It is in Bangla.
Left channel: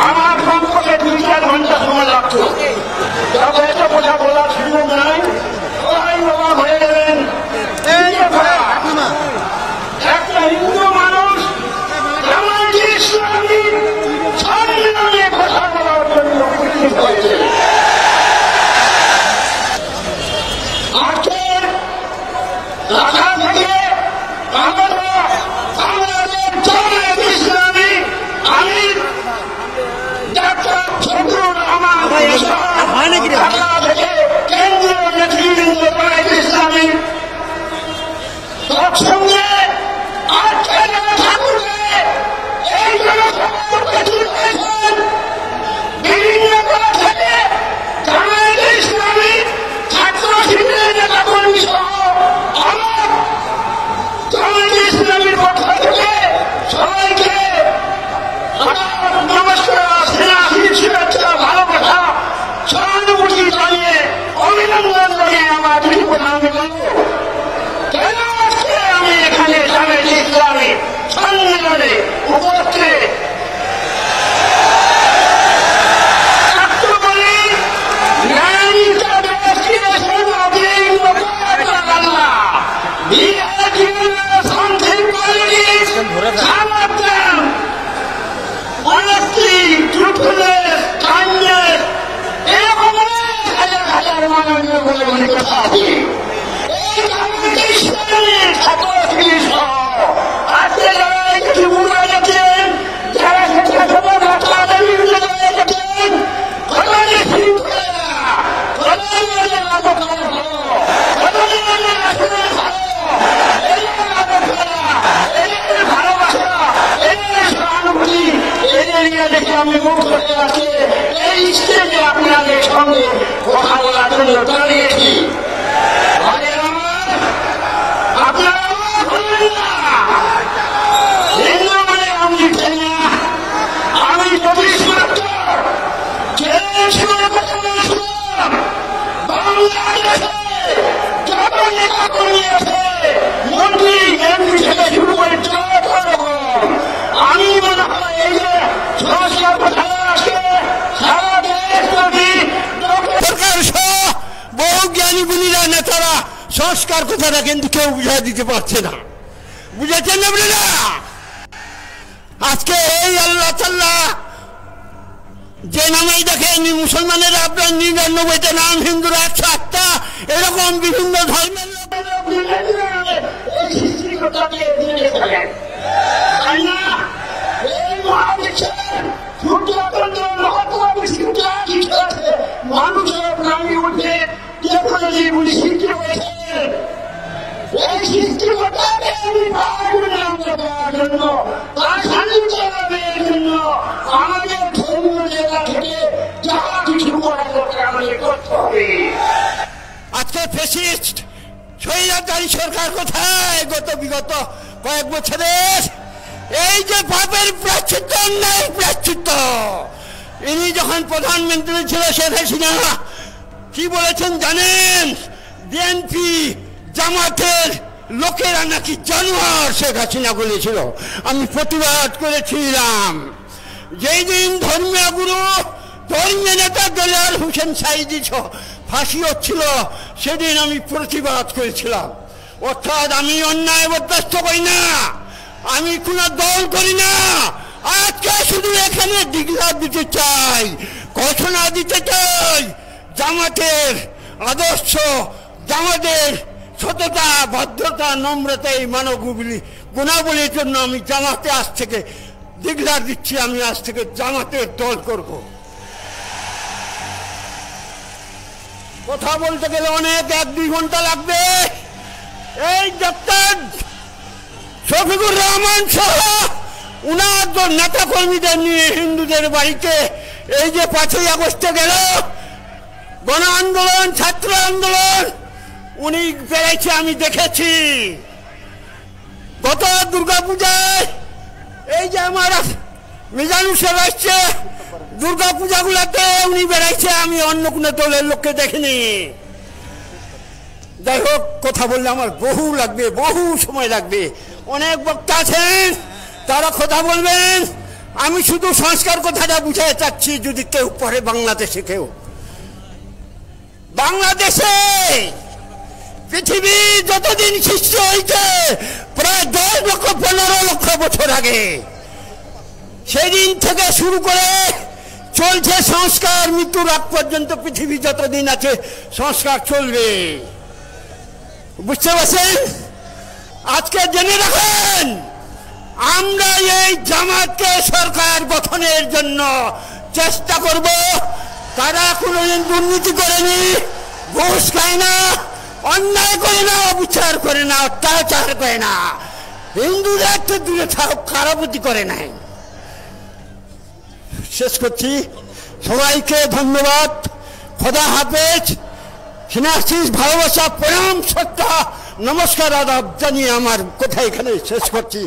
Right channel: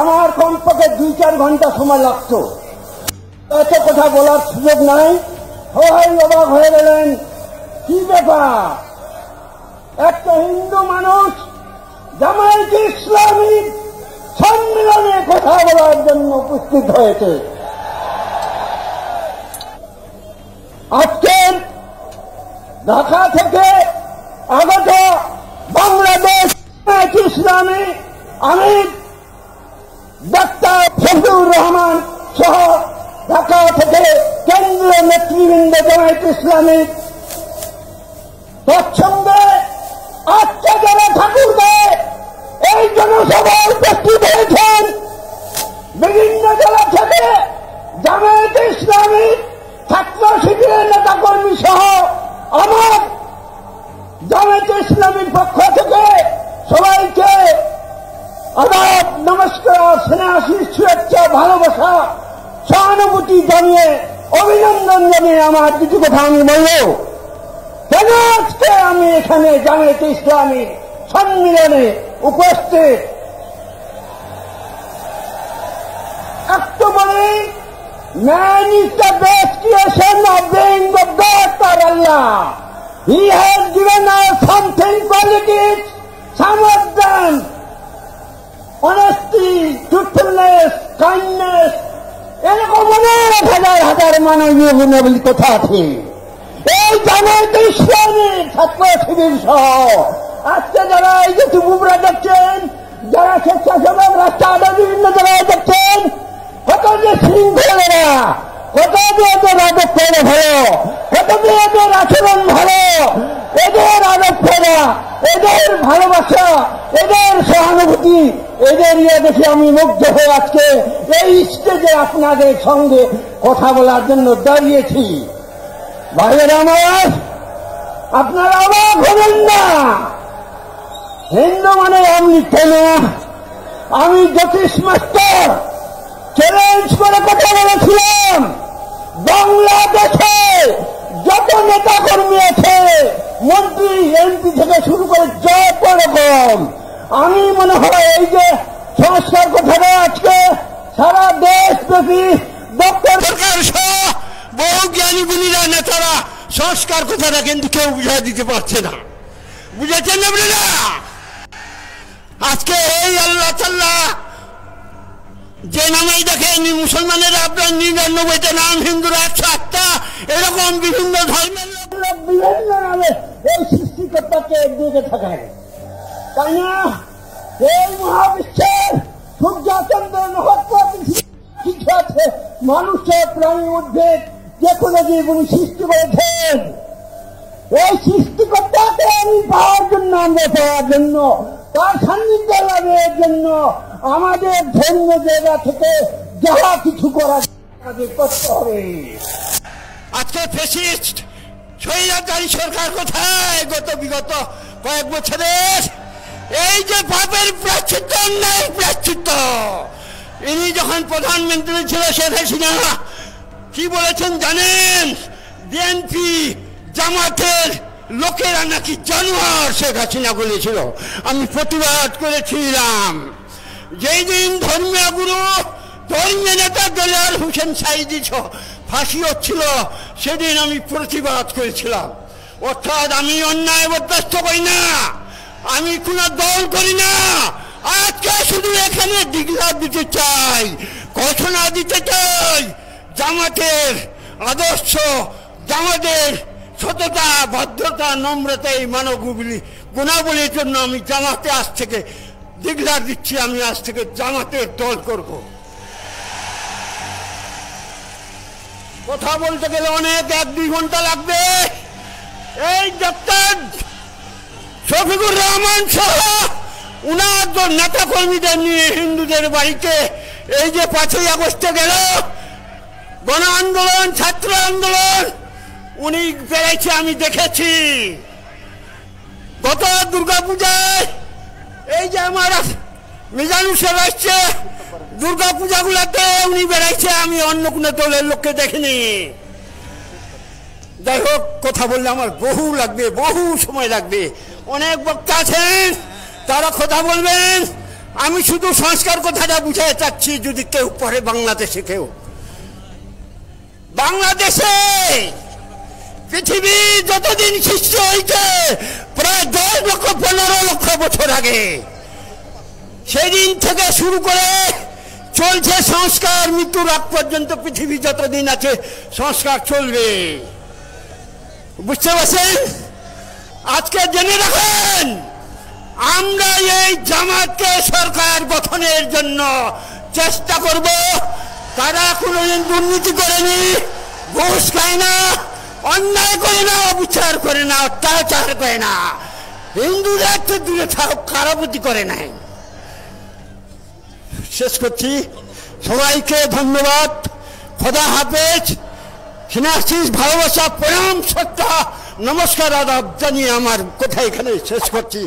আমার কমপক্ষে 2-4 ঘন্টা সময় লাগতো। একটা কথা বলার সুযোগ নাই, হয়ে গেলেন। একটা হিন্দু মানুষ জামায়াতে ইসলামী সম্মেলনে কথা বলার জন্য উপস্থিত হয়েছে। আজকে ঢাকা থেকে আগত বাংলাদেশ জামায়াতে ইসলামী আমির ডাক্তার ফজলুর রহমান সহ ঢাকা থেকে কেন্দ্রীয় নেতৃবৃন্দ জামায়াতে ইসলামী তৎসঙ্গে আজকে যারা ঠাকুরবে এই জনসভায় উপস্থিত হয়েছেন বিভিন্ন জেলা থেকে জামায়াতে ইসলামী ছাত্র শিবিরের নেতাকর্মী সহ আমার জামায়াতে ইসলামীর পক্ষ থেকে সবাইকে আবার নমস্কার, স্নেহ, শুভেচ্ছা, ভালোবাসা, সহানুভূতি জানিয়ে অভিনন্দন জানিয়ে আমার কিছু কথা আমি বলব। আজকে আমি এখানে জামায়াতে ইসলামী সম্মেলনে উপস্থিত He has given us something qualities, samardhan, honesty, truthfulness, kindness, এরকম হাজার মানবীয় গুণের কথা আছে। এই জামায়াতে ইসলামী ছাত্র শিবির সহ আজকে যারা এই যে তৃণমূলে দেখছেন, যারা স্বেচ্ছাসেবক রাস্তাঘাটে বিভিন্ন জায়গায় দেখছেন, কত যে শৃঙ্খলেরা, কত যে ওদের আদর্শ ভালো, কত যে ওদের আচরণ ভালো, এদের আদর্শরা, এদের ভালোবাসা, এদের সহানুভূতি, এদের নিয়ে দেখে আমি মুগ্ধ হয়ে আজকে এই স্টেজে আপনাদের সঙ্গে কথা বলার জন্য দাঁড়িয়েছি। ভাইয়ের আমার, আপনারা অবাক হবেন না। হিন্দু মানে আমি কেন, আমি জ্যোতিষ মাস্টার চ্যালেঞ্জ করে কথা বলেছিলাম, বাংলাদেশে যত নেতা কর্মী আছে, মন্ত্রী এমপি থেকে শুরু করে জয়পরগণ, আমি মনে হয় এই যে সংস্কার কথাটা আছে সারা দেশব্যাপী সরকার সহ বহু জ্ঞানী গুণীরা নেতারা সংস্কার কথাটা কিন্তু কেউ বুঝাই দিতে পারছে না। বুঝেছেন আপনারা? আজকে এই আল্লাহ তাআলা যে নামেই দেখেন মুসলমানেরা আপনার 99টা নাম, হিন্দুরা 108টা, এরকম বিভিন্ন ধর্মের মানুষের প্রাণী উঠে যে কোনো সৃষ্টি করেছেন, ওই সৃষ্টিকর্তাকে আমি পাওয়ার জন্য, আমরা পাওয়ার জন্য, তার সান্নিধ্য লাভের জন্য আমাদের ধর্মীয় জায়গা থেকে যাহা কিছু করার আমাদের করতে হবে। আজকে ফ্যাসিস্ট স্বৈরাচারী সরকার কোথায়? বিগত কয়েক বছরের এই যে পাপের প্রায়শ্চিত্ত, অন্যায়ের প্রায়শ্চিত্ত, ইনি যখন প্রধানমন্ত্রী ছিল শেখ হাসিনা কি বলেছেন জানেন? বিএনপি জামাতের লোকেরা নাকি জানোয়ার, শেখ হাসিনা বলেছিল। আমি প্রতিবাদ করেছিলাম। যেই দিন ধর্মীয় গুরু, ধর্মীয় নেতা দেলোয়ার হোসেন সাঈদী ফাঁসি হচ্ছিল, সেদিন আমি প্রতিবাদ করেছিলাম। অর্থাৎ আমি অন্যায় বরদাস্ত করি না, আমি কোন দল করি না। আজকে শুধু এখানে ডিক্লার দিতে চাই, ঘোষণা দিতে চাই, জামাতের আদর্শ, জামাতের সততা, ভদ্রতা, নম্রতা, এই মানব গুণাবলীর জন্য আমি জামাতে আজ থেকে ডিক্লার দিচ্ছি, আমি আজ থেকে জামাতের দল করব। কথা বলতে গেলে অনেক 1-2 ঘন্টা লাগবে। এই ডক্টর শফিকুর রহমান সহ উনার নেতা কর্মীদের নিয়ে হিন্দুদের বাড়িতে এই যে 5ই আগস্টে গেল গণ আন্দোলন, ছাত্র আন্দোলন, উনি বেড়াইছে, আমি দেখেছি। গত দুর্গাপূজায় এই যে আমার মিজানুর সাহেব আসছে, দুর্গাপূজাগুলোতে উনি বেড়াইছে, আমি অন্য কোনো দলের লোককে দেখিনি। যাই হোক, কথা বললে আমার বহু লাগবে, বহু সময় লাগবে, অনেক বক্তা আছেন, তারা কথা বলবেন। আমি শুধু সংস্কার কথাটা বুঝাতে চাচ্ছি, যদি কেউ পড়ে বাংলাদেশে, কেউ বাংলাদেশে পৃথিবী যতদিন সৃষ্টি হয়েছে প্রায় 10 লক্ষ 15 লক্ষ বছর আগে, সেদিন থেকে শুরু করে চলছে সংস্কার। মৃত্যুর আগ পর্যন্ত পৃথিবী যতদিন আছে সংস্কার চলবে। বুঝতে পারছেন? আজকে জেনে রাখেন, আমরা এই জামাতকে সরকার গঠনের জন্য চেষ্টা করব। তারা কোনোদিন দুর্নীতি করেনি, ঘুষ খায় না, অন্যায় করে না, অবিচার করে না, অত্যাচার করে না, হিন্দুদের তো দূরে থাক, খারাপতি করে নাই। শেষ করছি, সবাইকে ধন্যবাদ, খোদা হাফেজ, সিনাসিস, ভালোবাসা, প্রণাম, শ্রদ্ধা, নমস্কার, আদাব জানিয়ে আমার কথা এখানে শেষ করছি।